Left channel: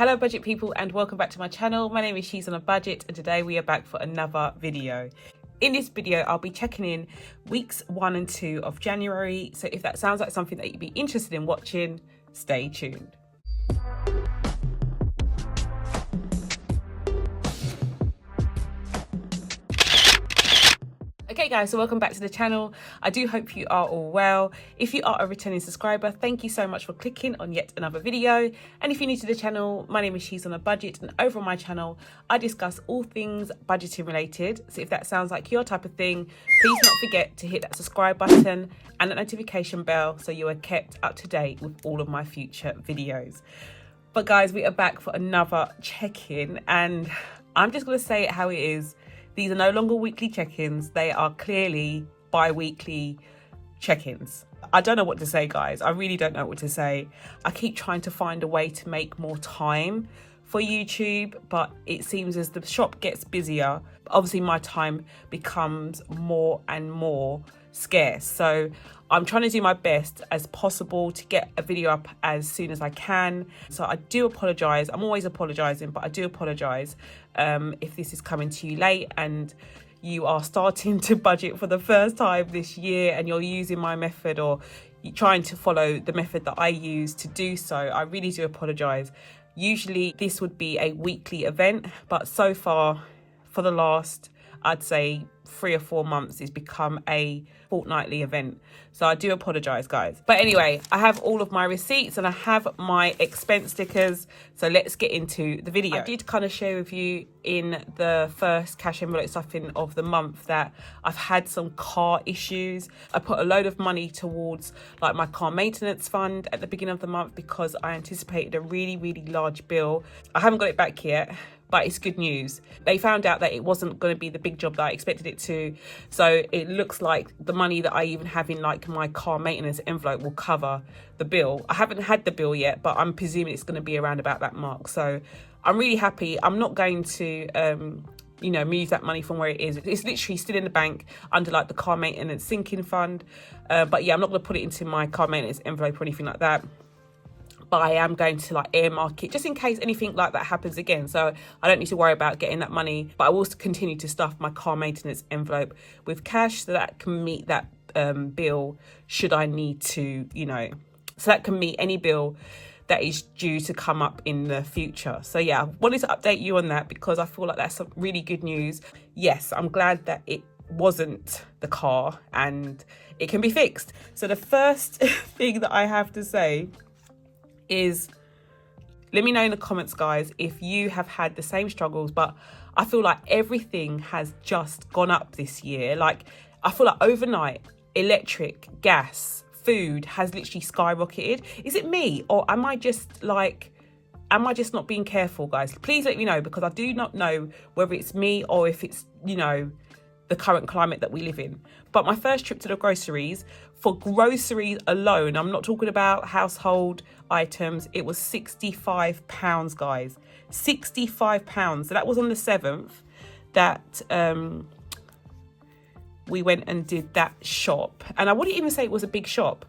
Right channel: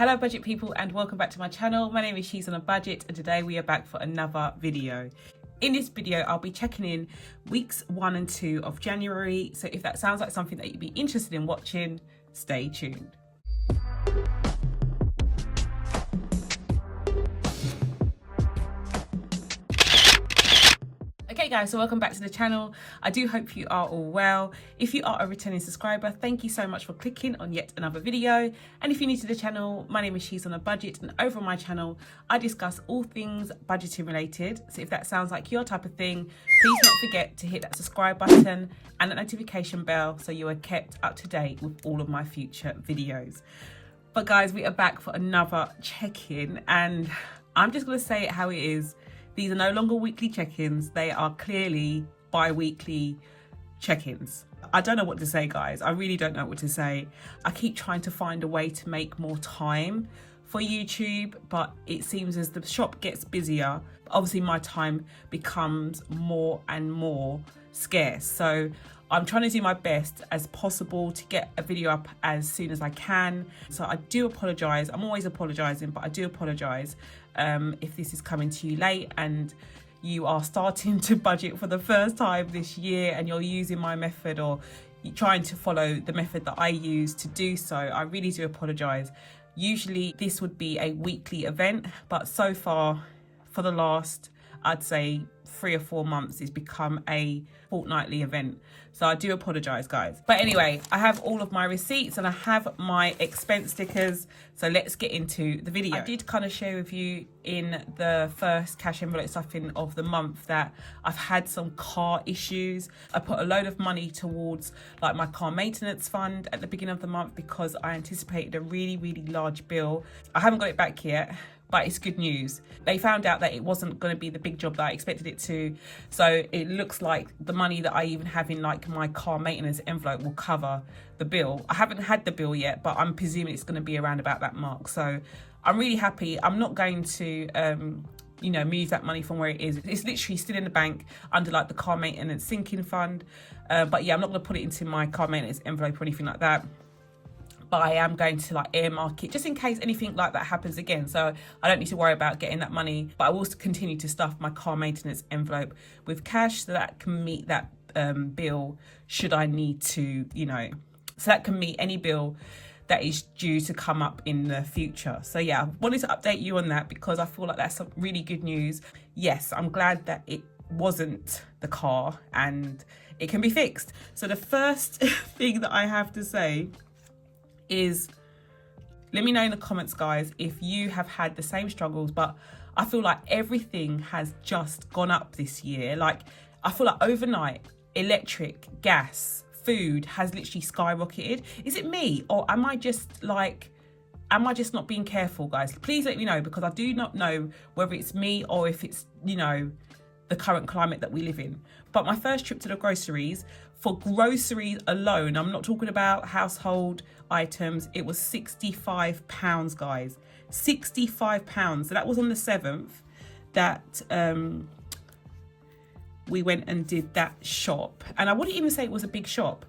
Hello budget people and welcome back to my channel. My name is She's on a Budget and today we are back for another video. In this video I'll be checking in weeks 1 and 2 of January, so if that sounds like something that you'd be interested in watching, stay tuned. Okay guys, so welcome back to the channel. I do hope you are all well. If you are a returning subscriber, thank you so much for clicking on yet another video. And if you're new to the channel, my name is She's on a Budget, and over on my channel I discuss all things budgeting related. So if that sounds like your type of thing, please don't forget to hit that subscribe button and that notification bell so you are kept up to date with all of my future videos. But guys, we are back for another check-in, and I'm just going to say it how it is. These are no longer weekly check-ins. They are clearly bi-weekly check-ins. I don't know what to say, guys. I really don't know what to say. I keep trying to find a way to make more time for YouTube, but it seems as the shop gets busier, obviously my time becomes more and more scarce. So I'm trying to do my best as possible to get a video up as soon as I can. So I do apologise. I'm always apologising, but I do apologise if this is coming to you late and you are starting to budget for the first time this year and you're using my method or you're trying to follow the method that I use to do so. I really do apologise. Usually this would be a weekly event, but so far for the last, I'd say 3 or 4 months, it's become a fortnightly event. So I do apologise, guys. But anyway, I have all of my receipts and I have my expense stickers. So let's get into the video. I did kind of share with you in the first cash envelope stuffing of the month that I've had some car issues. I put a load of money towards like my car maintenance fund at the beginning of the month because I anticipated a really large bill. I haven't got it back yet, but it's good news. They found out that it wasn't going to be the big job that I expected it to. So it looks like the money that I even have in like my car maintenance envelope will cover the bill. I haven't had the bill yet, but I'm presuming it's going to be around about that mark. So I'm really happy. I'm not going to, move that money from where it is. It's literally still in the bank under like the car maintenance sinking fund. But yeah, I'm not going to put it into my car maintenance envelope or anything like that. But I am going to like earmark it just in case anything like that happens again. So I don't need to worry about getting that money, but I will continue to stuff my car maintenance envelope with cash so that can meet that bill should I need to, so that can meet any bill that is due to come up in the future. So yeah, I wanted to update you on that because I feel like that's some really good news. Yes, I'm glad that it wasn't the car and it can be fixed. So the first thing that I have to say is, let me know in the comments, guys, if you have had the same struggles, but I feel like everything has just gone up this year. Like, I feel like overnight, electric, gas, food has literally skyrocketed. Is it me or am I just not being careful, guys? Please let me know because I do not know whether it's me or if it's, the current climate that we live in. But my first trip to the groceries, for groceries alone, I'm not talking about household items, it was £65, guys. £65. So that was on the 7th that we went and did that shop. And I wouldn't even say it was a big shop.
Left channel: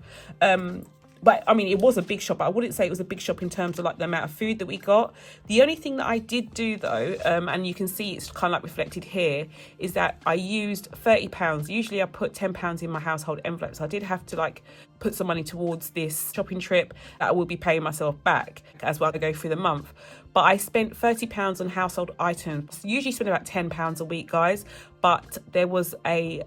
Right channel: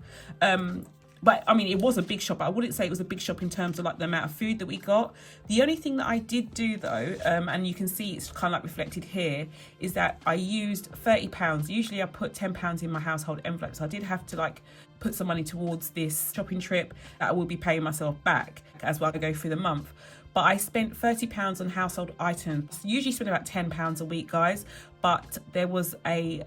But I mean, it was a big shop, but I wouldn't say it was a big shop in terms of like the amount of food that we got. The only thing that I did do though, and you can see it's kind of like reflected here, is that I used £30. Usually I put £10 in my household envelope. So I did have to like put some money towards this shopping trip that I will be paying myself back as well as I go through the month. But I spent £30 on household items. Usually spend about £10 a week, guys. But there was a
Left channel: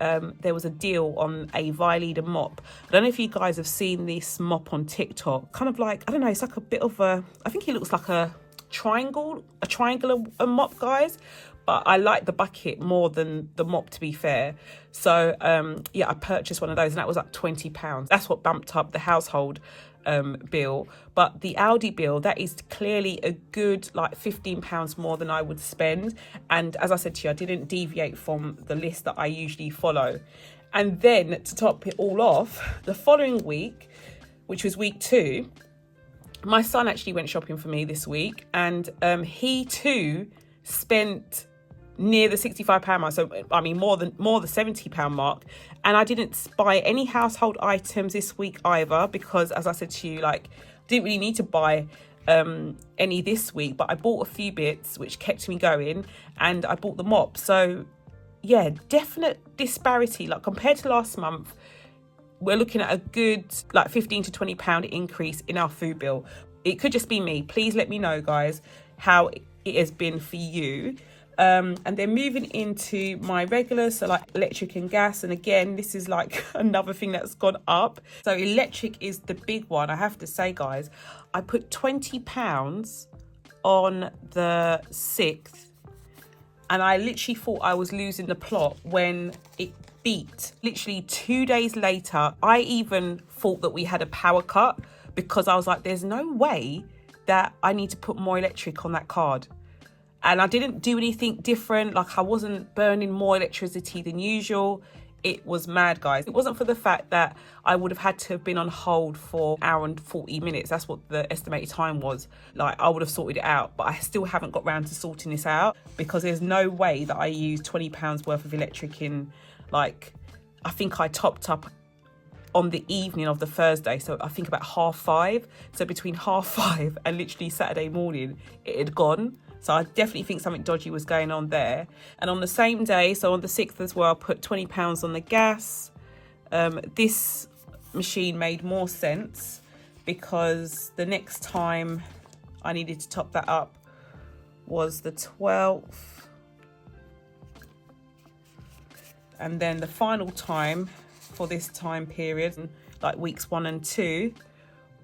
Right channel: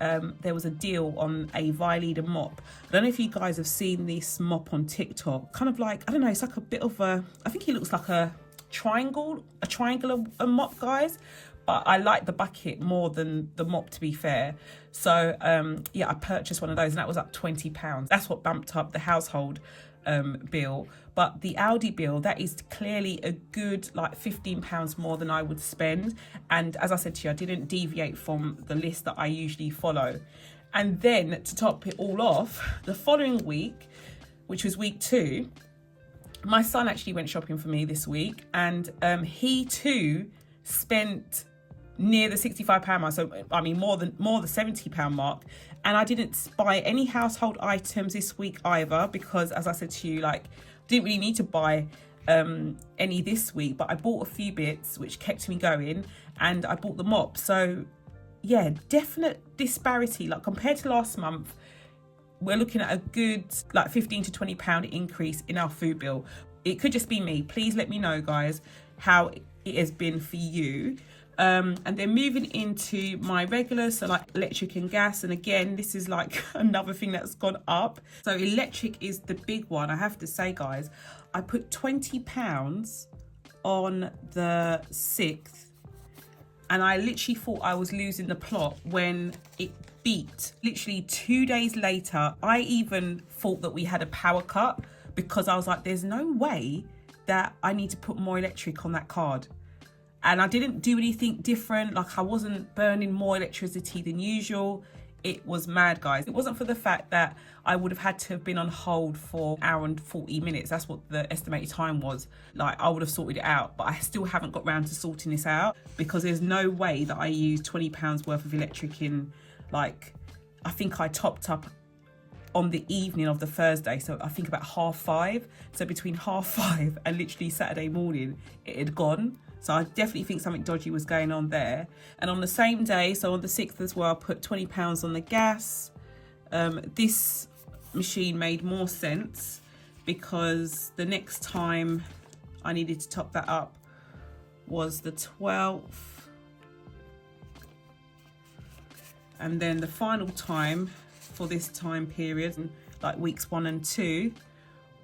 deal on a Violida mop. I don't know if you guys have seen this mop on TikTok. Kind of like, I don't know, it's like a bit of a, I think it looks like a triangular mop, guys. But I like the bucket more than the mop, to be fair. So yeah, I purchased one of those and that was like £20. That's what bumped up the household bill. But the Aldi bill, that is clearly a good like £15 more than I would spend. And as I said to you, I didn't deviate from the list that I usually follow. And then to top it all off, the following week, which was week 2, my son actually went shopping for me this week, and he too spent near the £65 mark. So I mean more the £70 mark. And I didn't buy any household items this week either because, as I said to you, like, didn't really need to buy any this week, but I bought a few bits which kept me going, and I bought the mop. So yeah, definite disparity. Like compared to last month, we're looking at a good like £15 to £20 increase in our food bill. It could just be me. Please let me know, guys, how it has been for you. And then moving into my regular, so like electric and gas, and again, this is like another thing that's gone up. So electric is the big one. I have to say, guys, I put £20 on the 6th, and I literally thought I was losing the plot when it beat. Literally 2 days later, I even thought that we had a power cut, because I was like, there's no way that I need to put more electric on that card. And I didn't do anything different. Like I wasn't burning more electricity than usual. It was mad, guys. It wasn't for the fact that I would have had to have been on hold for an hour and 40 minutes. That's what the estimated time was. Like I would have sorted it out, but I still haven't got round to sorting this out, because there's no way that I used £20 worth of electric in, like, I think I topped up on the evening of the Thursday, so I think about 5:30. So between 5:30 and literally Saturday morning, it had gone. So I definitely think something dodgy was going on there. And on the same day, so on the 6th as well, I put £20 on the gas. This machine made more sense, because the next time I needed to top that up was the 12th. And then the final time for this time period, like weeks 1 and 2,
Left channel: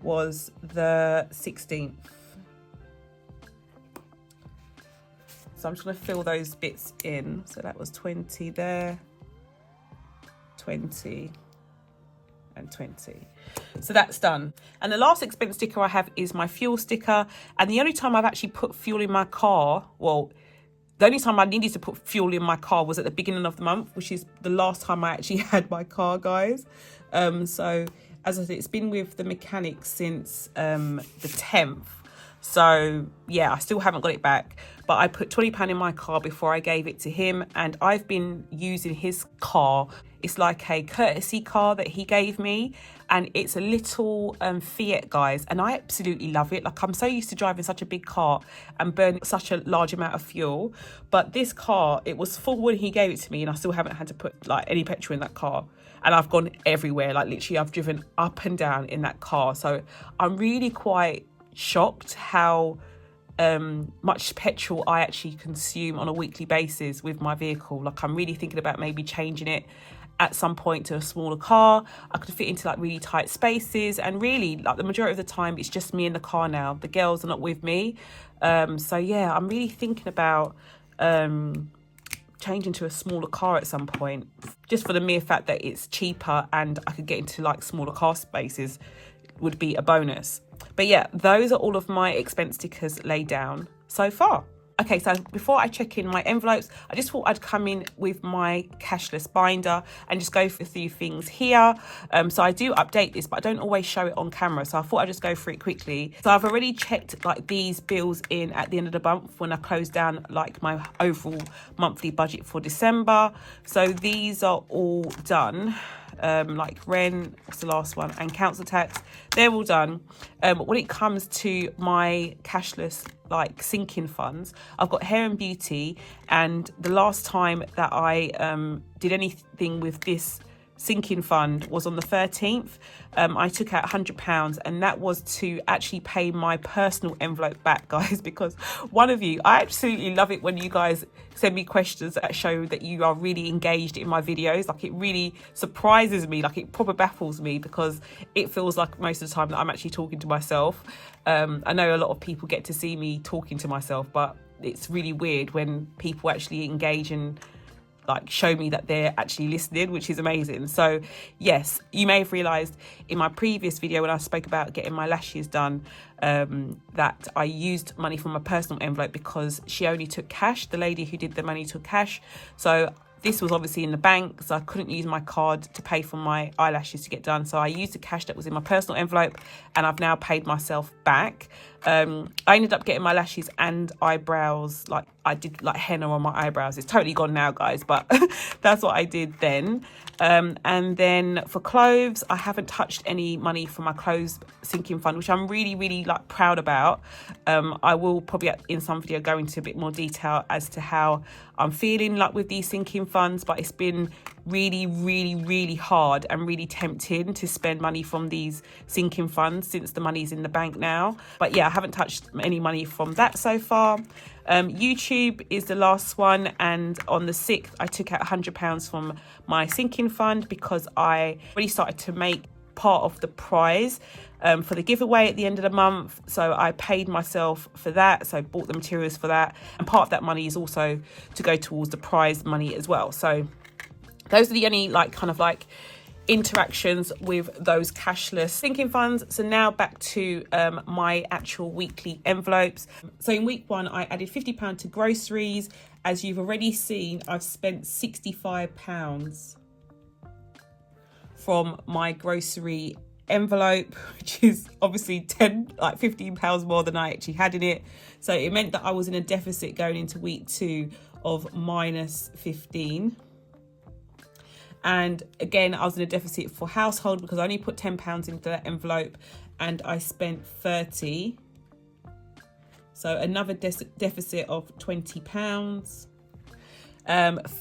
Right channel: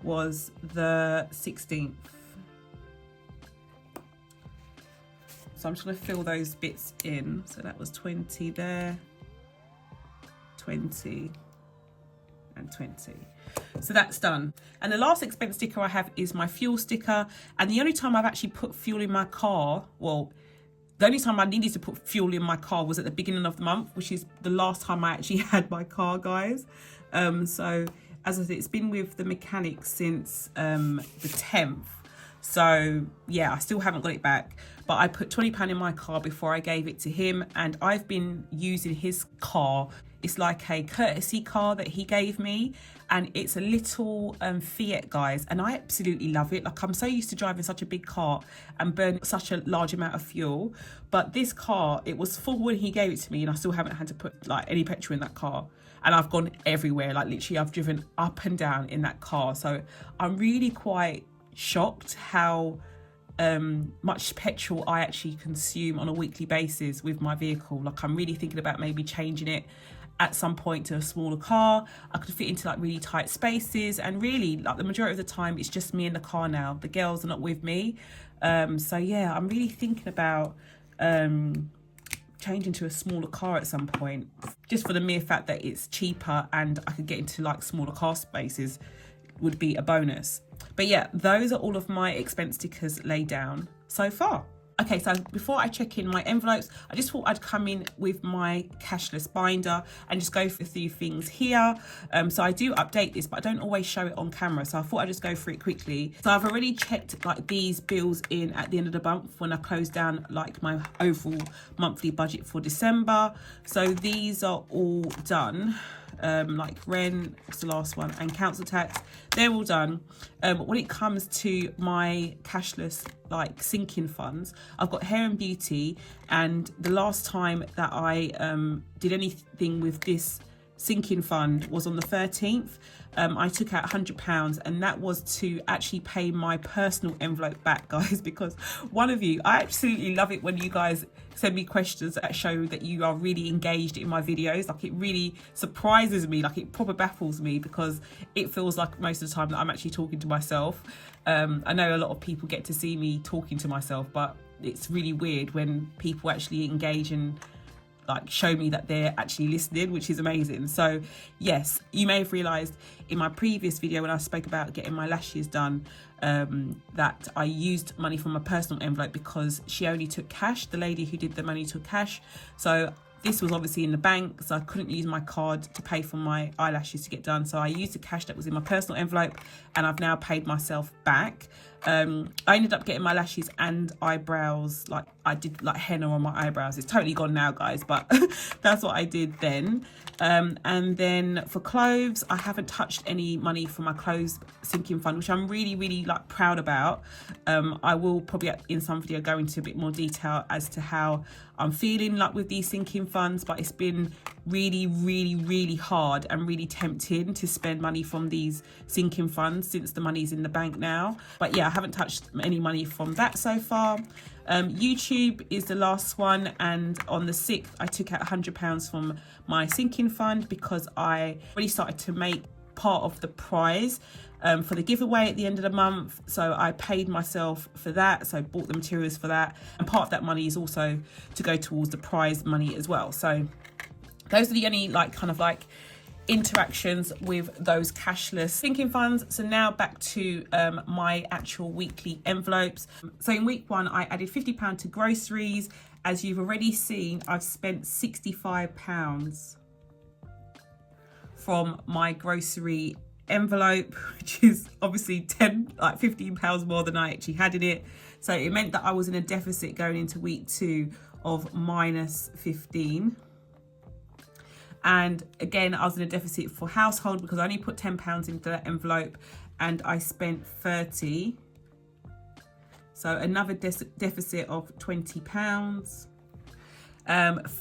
was the 16th. So I'm just going to fill those bits in. So that was 20 there, 20 and 20. So that's done. And the last expense sticker I have is my fuel sticker. And the only time I've actually put fuel in my car, well, the only time I needed to put fuel in my car was at the beginning of the month, which is the last time I actually had my car, guys. So as I said, it's been with the mechanic since the 10th. So yeah, I still haven't got it back, but I put £20 in my car before I gave it to him, and I've been using his car. It's like a courtesy car that he gave me, and it's a little Fiat, guys, and I absolutely love it. Like I'm so used to driving such a big car and burning such a large amount of fuel, but this car, it was full when he gave it to me, and I still haven't had to put like any petrol in that car. And I've gone everywhere, like literally I've driven up and down in that car. So I'm really quite shocked how much petrol I actually consume on a weekly basis with my vehicle. Like I'm really thinking about maybe changing it at some point to a smaller car. I could fit into like really tight spaces, and really like the majority of the time it's just me in the car now. The girls are not with me. So yeah, I'm really thinking about changing to a smaller car at some point, just for the mere fact that it's cheaper and I could get into like smaller car spaces would be a bonus. But yeah, those are all of my expense stickers laid down so far. Okay, so before I check in my envelopes, I just thought I'd come in with my cashless binder and just go through a few things here. So I do update this, but I don't always show it on camera. So I thought I'd just go through it quickly. So I've already checked like these bills in at the end of the month when I close down like my overall monthly budget for December. So these are all done. Like rent, what's the last one, and council tax, they're all done. When it comes to my cashless like sinking funds, I've got hair and beauty, and the last time that I did anything with this sinking fund was on the 13th. I took out £100, and that was to actually pay my personal envelope back, guys, because one of you, I absolutely love it when you guys send me questions that show that you are really engaged in my videos. Like it really surprises me, like it proper baffles me, because it feels like most of the time that I'm actually talking to myself. I know a lot of people get to see me talking to myself, but it's really weird when people actually engage and like show me that they're actually listening, which is amazing. So yes, you may have realized in my previous video when I spoke about getting my lashes done, that I used money from my personal envelope because she only took cash. The lady who did the money took cash. So this was obviously in the bank, so I couldn't use my card to pay for my eyelashes to get done. So I used the cash that was in my personal envelope, and I've now paid myself back. I ended up getting my lashes and eyebrows, like I did like henna on my eyebrows. It's totally gone now, guys, but that's what I did then. And then for clothes, I haven't touched any money for my clothes sinking fund, which I'm really like proud about. I will probably in some video go into a bit more detail as to how I'm feeling like with these sinking funds, but it's been really hard and really tempting to spend money from these sinking funds since the money's in the bank now. But yeah, I haven't touched any money from that so far. YouTube is the last one, and on the 6th I took out £100 from my sinking fund because I already started to make part of the prize for the giveaway at the end of the month. So I paid myself for that, so I bought the materials for that, and part of that money is also to go towards the prize money as well. So those are the only like kind of like interactions with those cashless sinking funds. So now back to my actual weekly envelopes. So in week 1 I added £50 to groceries. As you've already seen, I've spent £65 from my grocery envelope, which is obviously £15 more than I actually had in it. So it meant that I was in a deficit going into week 2 of -15. And again, I was in a deficit for household because I only put £10 into that envelope and I spent 30. So another deficit of £20.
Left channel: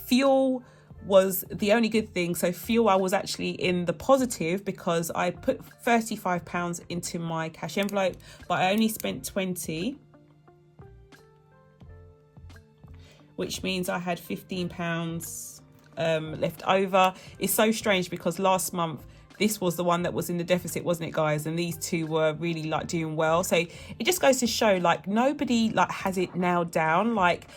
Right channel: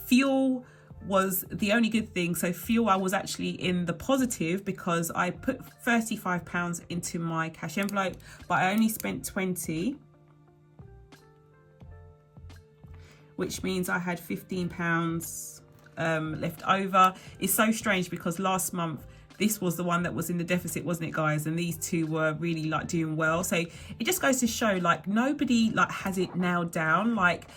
Fuel was the only good thing. So fuel, I was actually in the positive because I put £35 into my cash envelope, but I only spent 20, which means I had £15 left over. It's so strange because last month this was the one that was in the deficit, wasn't it, guys? And these two were really like doing well. So it just goes to show like nobody like has it nailed down. Like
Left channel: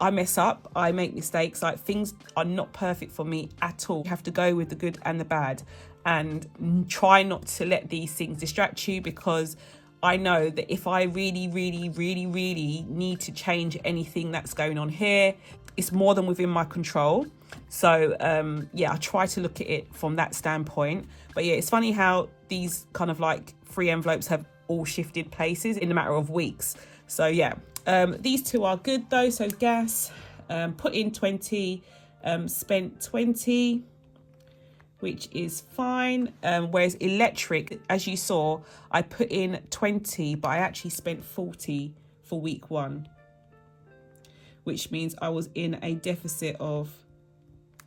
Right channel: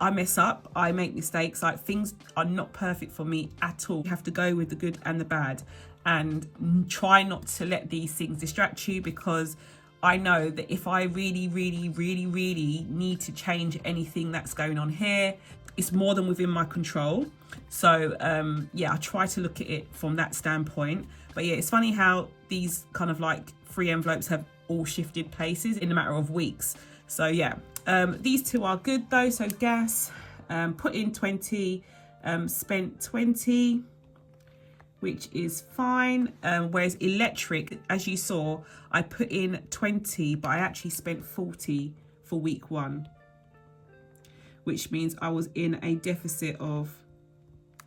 I mess up, I make mistakes, like things are not perfect for me at all. You have to go with the good and the bad and try not to let these things distract you, because I know that if I really need to change anything that's going on here, it's more than within my control. So yeah, I try to look at it from that standpoint. But yeah, it's funny how these kind of like free envelopes have all shifted places in a matter of weeks. So yeah, these two are good though. So gas, put in 20, spent 20, which is fine. Whereas electric, as you saw, I put in 20, but I actually spent 40 for week 1, which means I was in a deficit of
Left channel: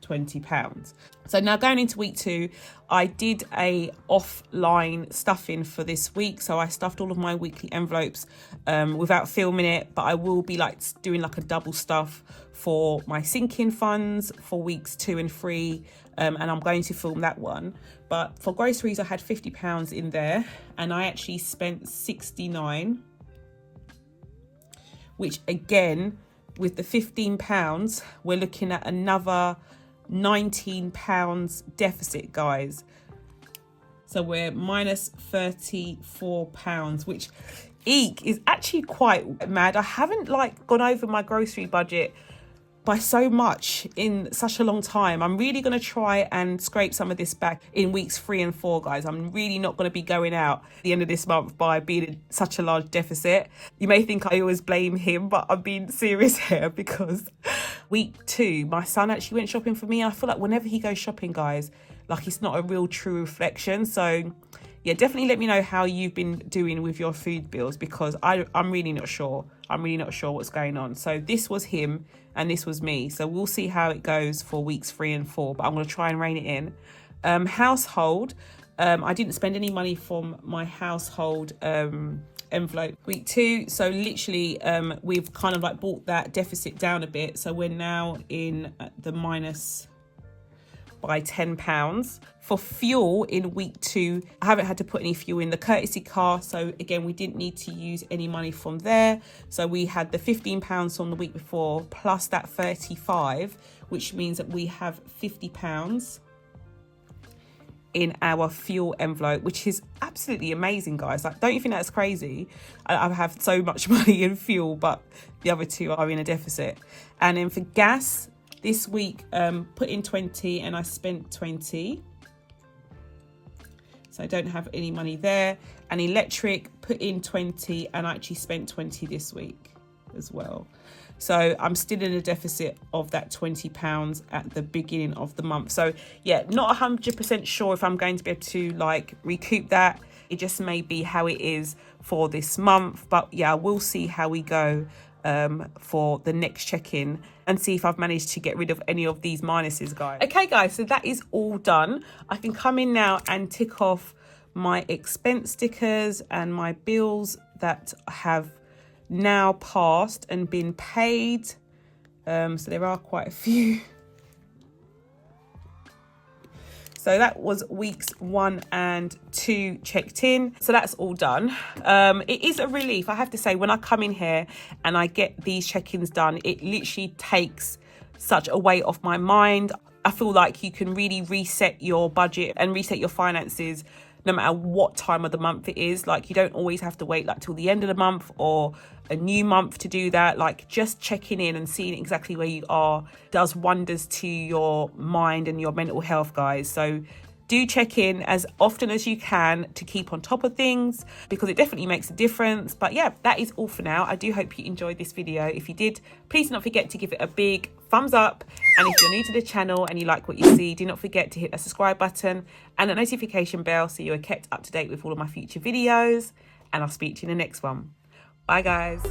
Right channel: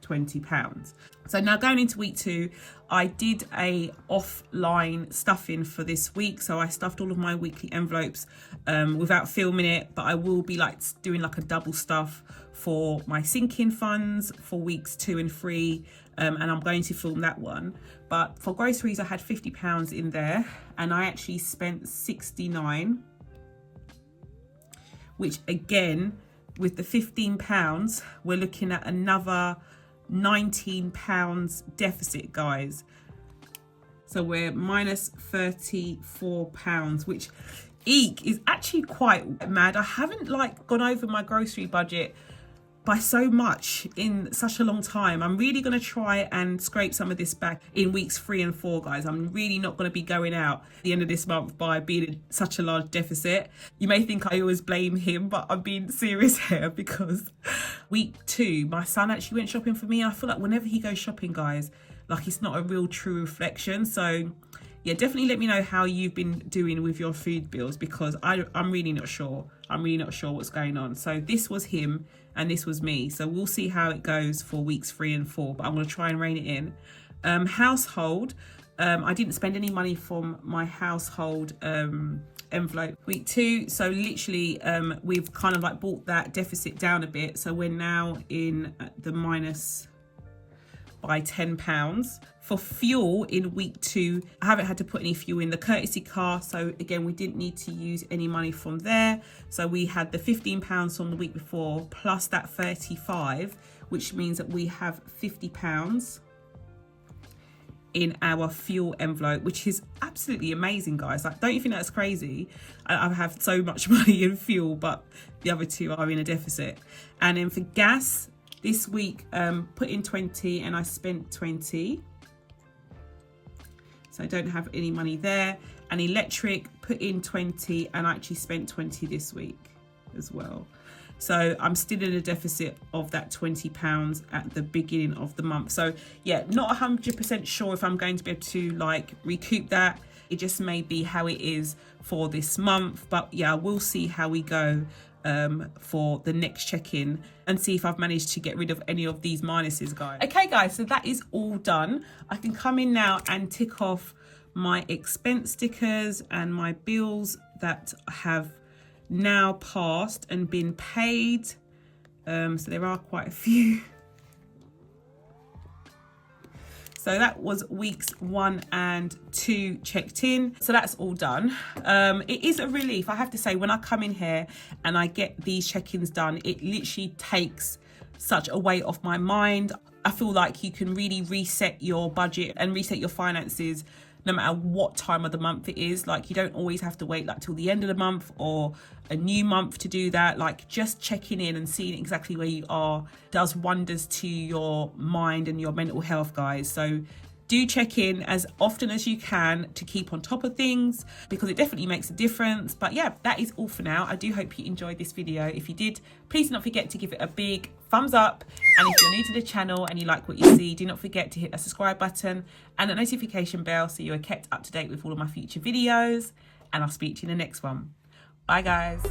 £20. So now going into week 2, I did a offline stuffing for this week. So I stuffed all of my weekly envelopes without filming it, but I will be like doing like a double stuff for my sinking funds for weeks 2 and 3. And I'm going to film that one. But for groceries, I had £50 in there and I actually spent 69, which again, with the £15, we're looking at another £19 deficit, guys. So we're minus £34, which is actually quite mad. I haven't like gone over my grocery budget by so much in such a long time. I'm really going to try and scrape some of this back in weeks 3 and 4, guys. I'm really not going to be going out at the end of this month by being in such a large deficit. You may think I always blame him, but I'm being serious here because week 2, my son actually went shopping for me. I feel like whenever he goes shopping, guys, like it's not a real true reflection. So yeah, definitely let me know how you've been doing with your food bills, because I'm really not sure. I'm really not sure what's going on. So this was him and this was me. So we'll see how it goes for weeks 3 and 4, but I'm going to try and rein it in. Household, I didn't spend any money from my household envelope week 2. So literally we've kind of like brought that deficit down a bit. So we're now in the minus by £10. For fuel in week 2, I haven't had to put any fuel in the courtesy car. So again, we didn't need to use any money from there. So we had the £15 from the week before plus that 35, which means that we have £50 in our fuel envelope, which is absolutely amazing, guys. Like, don't you think that's crazy? I have so much money in fuel, but the other two are in a deficit. And then for gas, this week, put in 20 and I spent 20. So I don't have any money there. and electric, put in 20, and I actually spent 20 this week as well. So I'm still in a deficit of that £20 at the beginning of the month. So yeah, not 100% sure if I'm going to be able to like recoup that. It just may be how it is for this month. But yeah, we'll see how we go for the next check-in and see if I've managed to get rid of any of these minuses, guys. Okay, guys, so that is all done. I can come in now and tick off my expense stickers and my bills that have now passed and been paid. So there are quite a few. So that was weeks 1 and 2 checked in. So that's all done. It is a relief, I have to say, when I come in here and I get these check-ins done, it literally takes such a weight off my mind. I feel like you can really reset your budget and reset your finances no matter what time of the month it is. Like, you don't always have to wait like till the end of the month or a new month to do that. Like, just checking in and seeing exactly where you are does wonders to your mind and your mental health, guys. So do check in as often as you can to keep on top of things, because it definitely makes a difference. But yeah, that is all for now. I do hope you enjoyed this video. If you did, please do not forget to give it a big thumbs up. And if you're new to the channel and you like what you see, do not forget to hit the subscribe button and the notification bell so you are kept up to date with all of my future videos. And I'll speak to you in the next one. Bye, guys.